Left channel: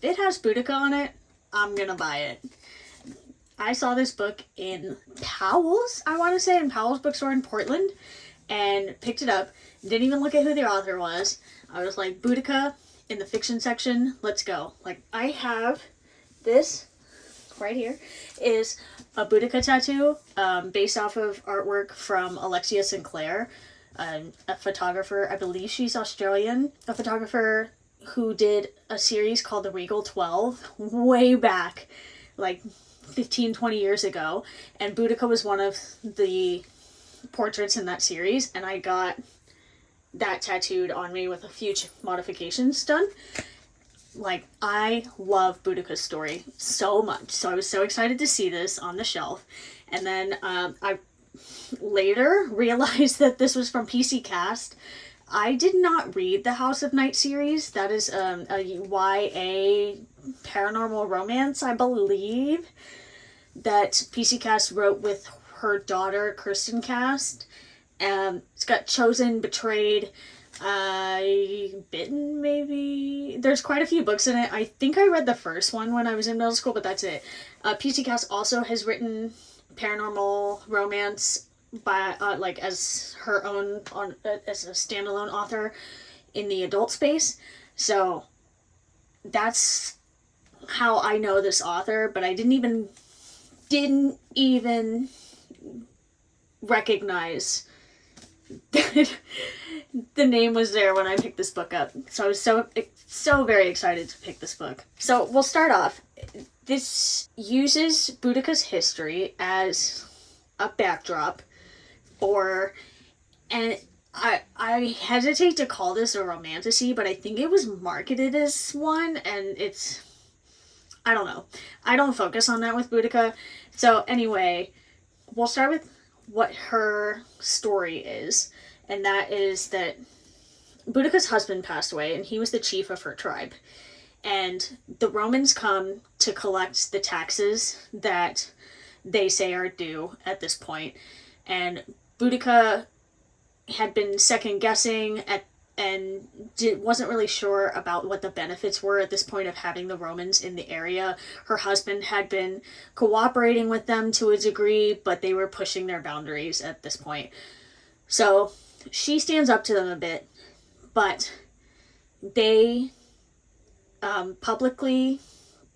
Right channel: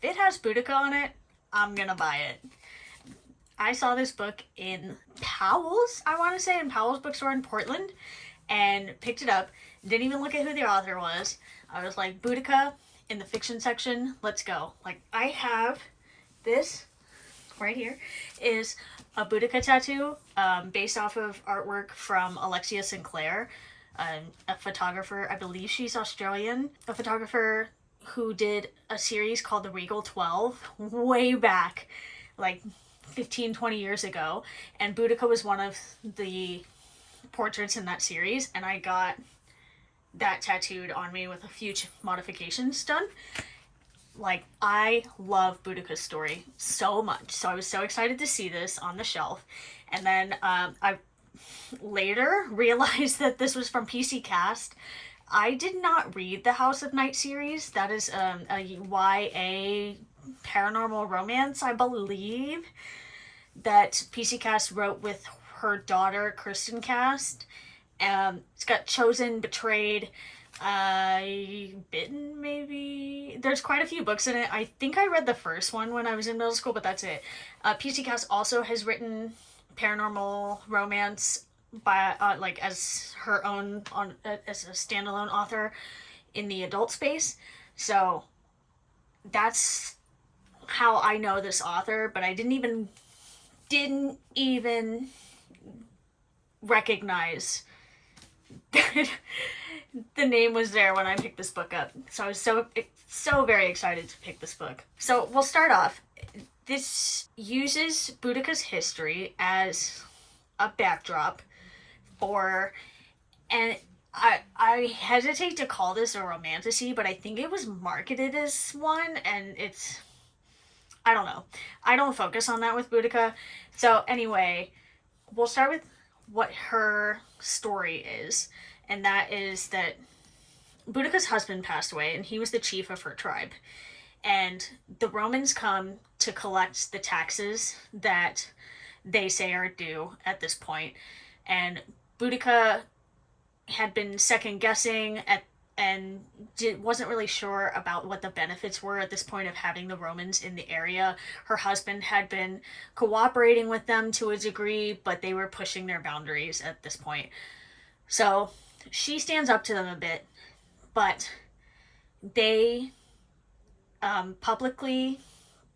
If it has Boudicca on it, I'm gonna buy it. I saw this book in Powell's, I want to say, in Powell's bookstore in Portland, and picked it up. Didn't even look at who the author was. I was like, Boudicca in the fiction section, let's go. Like, I have this right here is a Boudicca tattoo based off of artwork from Alexia Sinclair, a photographer. I believe she's Australian, a photographer who did a series called The Regal 12 way back, like 15, 20 years ago. And Boudicca was one of the portraits in that series, and I got that tattooed on me with a few modifications done. Like, I love Boudicca's story so much, so I was so excited to see this on the shelf. And then I later realized that this was from PC Cast. I did not read the House of Night series. That is a YA paranormal romance, I believe, that PC Cast wrote with her daughter, Kirsten Cast. It's got Chosen, Betrayed, Bitten, maybe. There's quite a few books in it. I think I read the first one when I was in middle school, but that's it. PC Cast also has written paranormal romance by like as her own as a standalone author in the adult space. So that's how I know this author, but I didn't even recognize that the name was there when I picked this book up. So I was so very excited to pick this book. So we'll start off. This uses Boudicca's history as a backdrop for, and I hesitate to call this a romantasy, but I think it was marketed as one, and it's, I don't know. I don't focus on that with Boudicca. So anyway, we'll start with what her story is, and that is that Boudicca's husband passed away, and he was the chief of her tribe. And the Romans come to collect the taxes that they say are due at this point. And Boudicca had been second guessing and wasn't really sure about what the benefits were at this point of having the Romans in the area. Her husband had been cooperating with them to a degree, but they were pushing their boundaries at this point. So she stands up to them a bit, but they publicly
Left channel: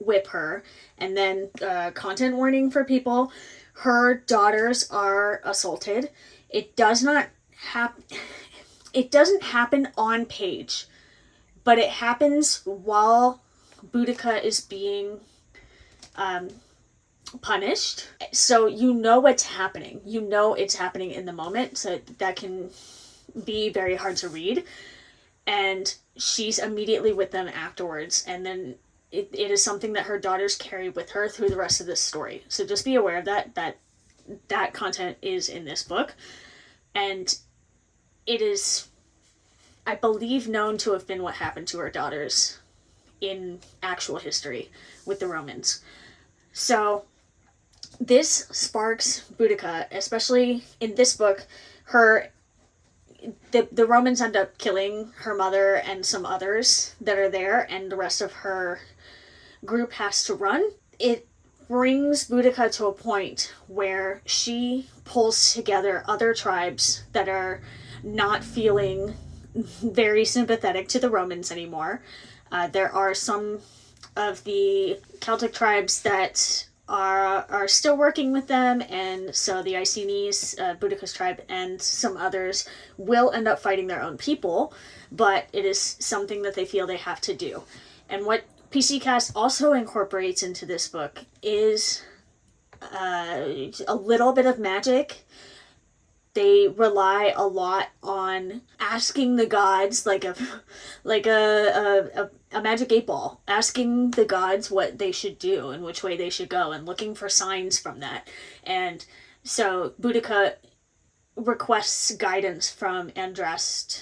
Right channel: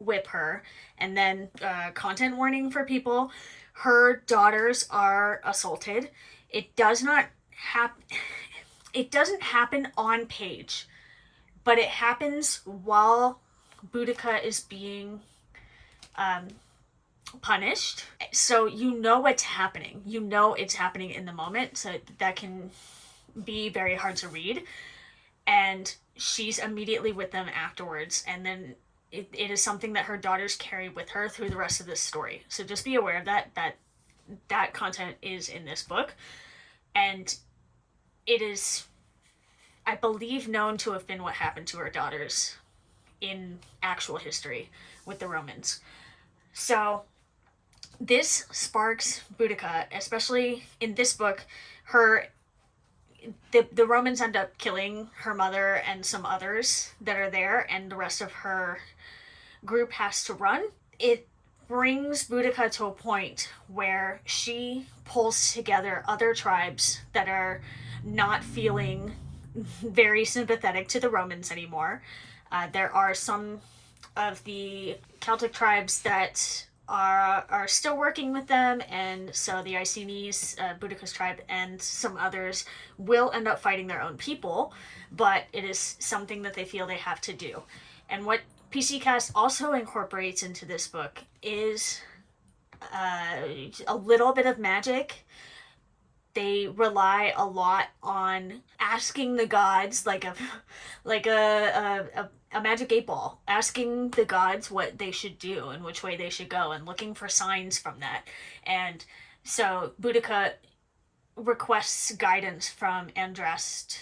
whip her. And then content warning for people, her daughters are assaulted. It doesn't happen on page, but it happens while Boudicca is being punished. So you know what's happening. You know it's happening in the moment, so that can be very hard to read. And she's immediately with them afterwards, and then it is something that her daughters carry with her through the rest of this story. So just be aware of that content is in this book. And it is, I believe, known to have been what happened to her daughters in actual history with the Romans. So this sparks Boudicca, especially in this book. The Romans end up killing her mother and some others that are there, and the rest of her group has to run. It brings Boudicca to a point where she pulls together other tribes that are not feeling very sympathetic to the Romans anymore. There are some of the Celtic tribes that are still working with them, and so the Icenies, Boudicca's tribe, and some others will end up fighting their own people, but it is something that they feel they have to do. And what PC Cast also incorporates into this book is a little bit of magic. They rely a lot on asking the gods, like a magic 8-ball, asking the gods what they should do and which way they should go, and looking for signs from that. And so Boudicca requests guidance from Andrast,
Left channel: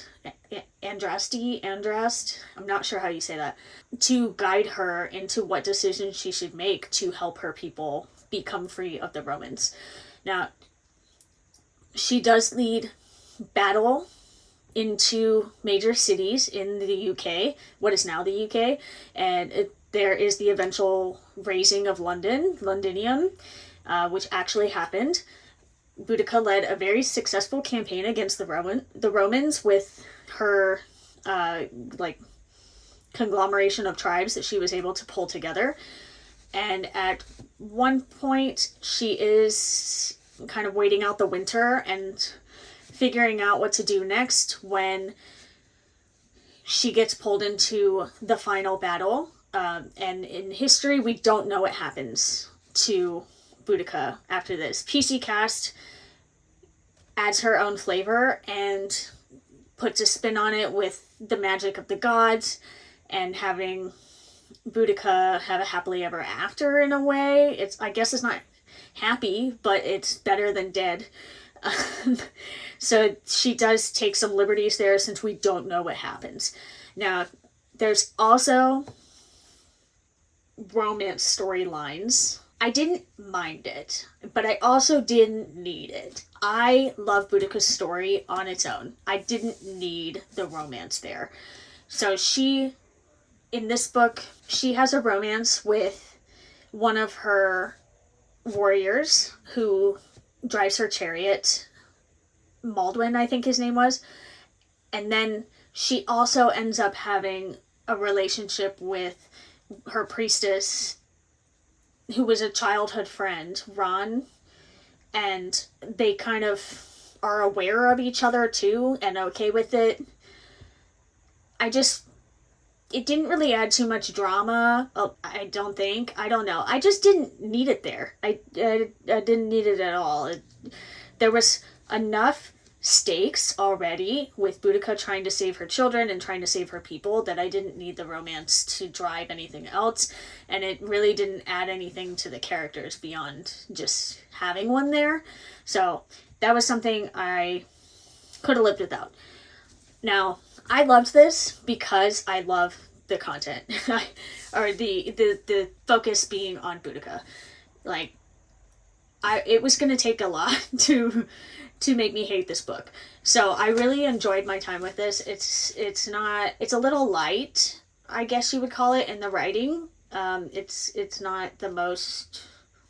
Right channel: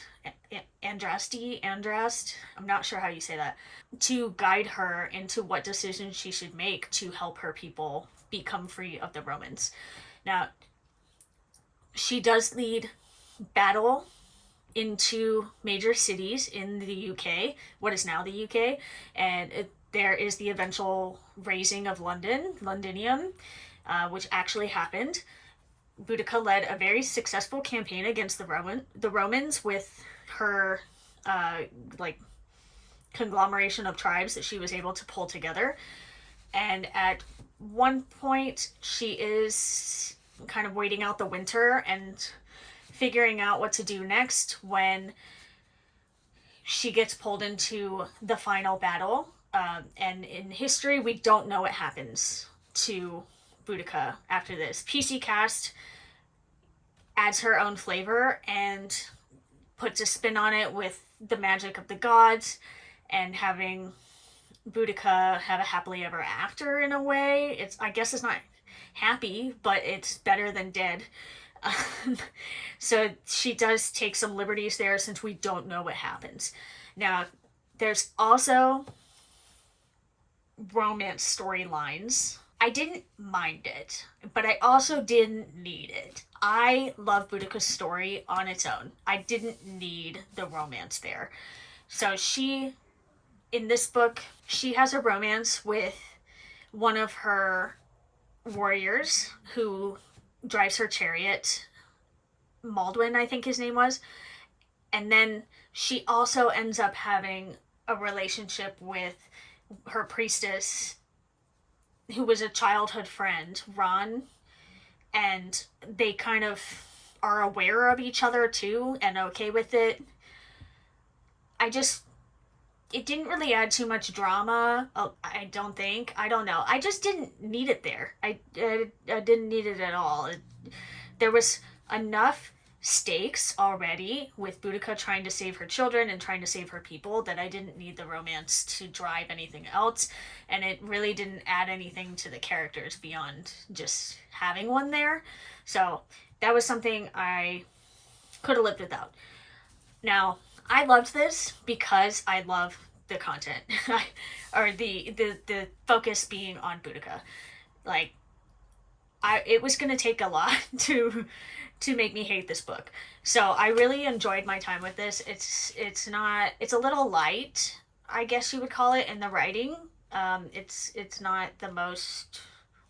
I'm not sure how you say that, to guide her into what decisions she should make to help her people become free of the Romans. Now, she does lead battle into major cities in the UK, what is now the UK, and there is the eventual raising of Londinium, which actually happened. Boudicca led a very successful campaign against the Romans with her like conglomeration of tribes that she was able to pull together. And at one point, she is kind of waiting out the winter and figuring out what to do next when she gets pulled into the final battle. And in history, we don't know what happens to Boudicca after this. PC Cast adds her own flavor and puts a spin on it with the magic of the gods and having Boudicca have a happily ever after in a way. I guess it's not happy, but it's better than dead. So she does take some liberties there since we don't know what happens. Now, there's also romance storylines. I didn't mind it, but I also didn't need it. I love Boudicca's story on its own. I didn't need the romance there. So in this book, she has a romance with one of her warriors who drives her chariot. Maldwin, I think his name was. And then she also ends up having a relationship with her priestess, who was a childhood friend, Ron. And they kind of are aware of each other too and okay with it. It didn't really add too much drama. I don't think. I don't know. I just didn't need it there. I didn't need it at all. There was enough stakes already with Boudicca trying to save her children and trying to save her people that I didn't need the romance to drive anything else. And it really didn't add anything to the characters beyond just having one there. So that was something I could have lived without. Now, I loved this because I love the content, or the focus being on Boudicca. Like, it was gonna take a lot to make me hate this book. So I really enjoyed my time with this. It's a little light, I guess you would call it, in the writing. It's not the most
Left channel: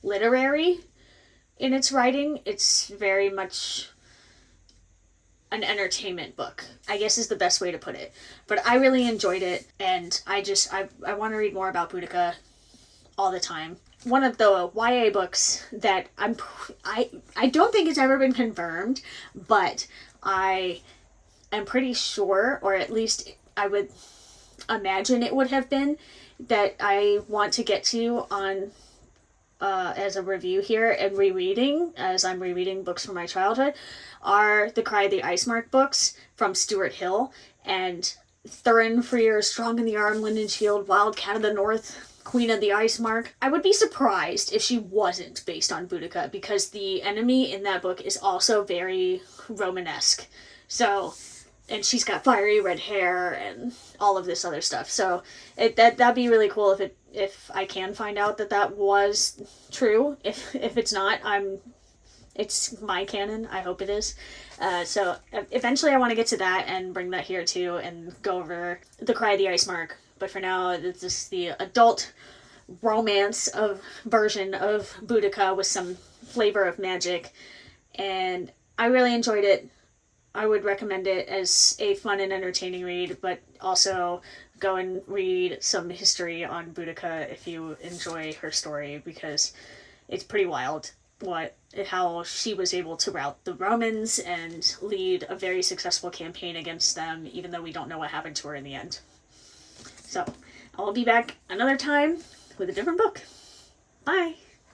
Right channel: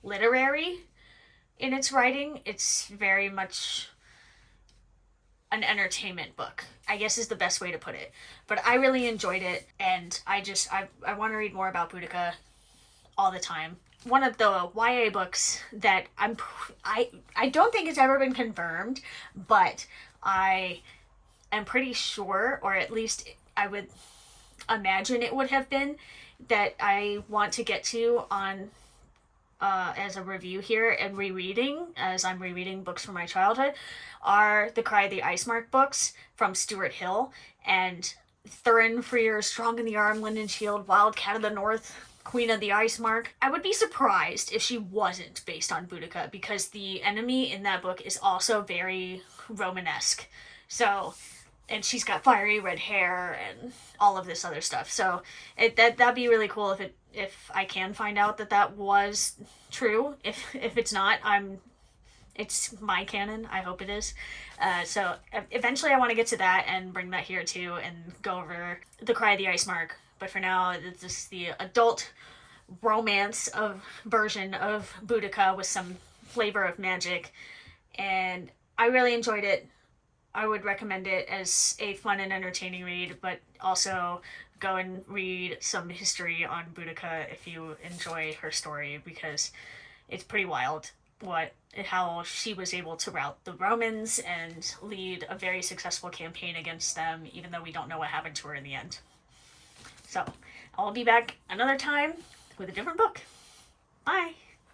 literary in its writing. It's very much an entertainment book, I guess is the best way to put it. But I really enjoyed it, and I want to read more about Boudicca all the time. One of the YA books that I don't think it's ever been confirmed, but I am pretty sure, or at least I would imagine it would have been, that I want to get to on as a review here and rereading, as I'm rereading books from my childhood, are the Cry of the Ice Mark books from Stuart Hill. And Thurin Freer, Strong in the Arm, Linden Shield, Wildcat of the North, Queen of the Ice Mark. I would be surprised if she wasn't based on Boudicca, because the enemy in that book is also very Romanesque. So, and she's got fiery red hair and all of this other stuff. So that'd be really cool if I can find out that was true. If it's not, it's my canon. I hope it is. So eventually I want to get to that and bring that here too and go over the Cry of the Ice Mark. But for now, it's just the adult romance version of Boudicca with some flavor of magic. And I really enjoyed it. I would recommend it as a fun and entertaining read, but also go and read some history on Boudicca if you enjoy her story, because it's pretty wild how she was able to rout the Romans and lead a very successful campaign against them, even though we don't know what happened to her in the end. So, I'll be back another time with a different book. Bye!